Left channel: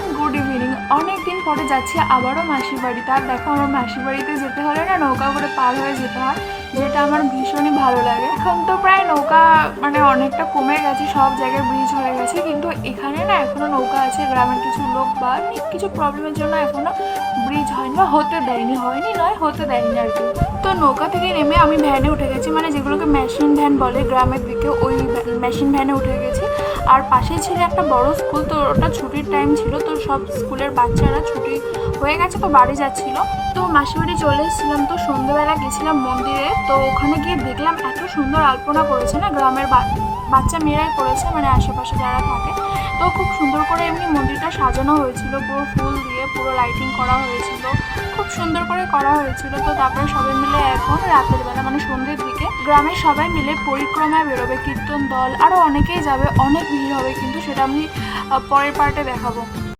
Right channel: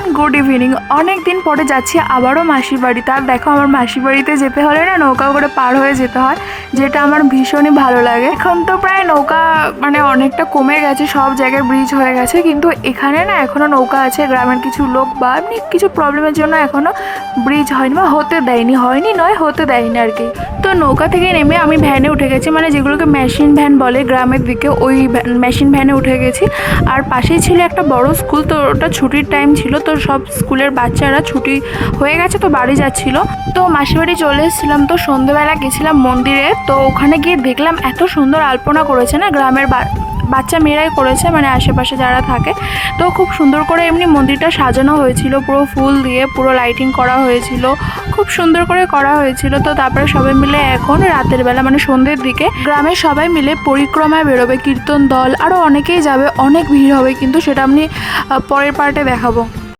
Everyone, good evening. অনেক দিন পরে যাচ্ছি আবারও মাসির বাড়িতে। আর দেখো, আমার মাসির বাড়িতে যেতে হলে না নৌকা করে পার হয়ে যেতে হয়, যেটা আমার ভীষণই ভালো লাগে। এখন তো প্রায় নৌকা অনেকটা কমে গেছে, সব জায়গায় ব্রিজ হয়ে গেছে, কিন্তু এখানে না এখনও নৌকা আছে। গ্রামের কিছু লোক বা কিছু প্রবলেমের জন্য এখনও ব্রিজ হয়নি বা হতে দেয়নি, হতে দেয়নি আর কি। তো নৌকা থেকে নেমে আমি ভ্যানে উঠে গেছি, যেগুলোকে মেশিন ভ্যান বলে গ্রামের দিকে, ওই মেশিন ভ্যানে উঠে গেছি। আর পাশেই ছিল একটা বড় স্কুল, তো ওটা ছুটির টাইম ছিল, তো সব স্কুলের বাচ্চারা ছুটি হয়ে গেছে, তো বাড়ি যাচ্ছিল। তো মাসির বাড়ি চলে এসেছিলাম। তো সন্ধ্যেবেলা গেছিলাম মন্দিরে, তো ওখানে গিয়ে দেখলাম এত সুন্দর আলপনা করেছে না, গ্রামের বাচ্চা মেয়েরাই করেছে, আশেপাশে যারা থাকে। তো খুব সুন্দর করে এমনি মন্দিরটা সাজানো হয়েছিল, পুরো ফুল দিয়ে পুরো লাইটিং করা হয়েছিল, খুব সুন্দর করে করা হয়েছিল। তো তারপরে সবাই মিলে এখন রাতের বেলা সন্ধ্যের দিকে গ্রামের সবাই মিলে পরিক্রমায় বেরোবে, কীর্তন দল আরও অনেকেই যাবে, অনেক ভিড় হবে, কিন্তু সেটা আমি পরের পার্টে দেখাবো।